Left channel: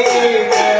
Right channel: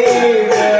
রে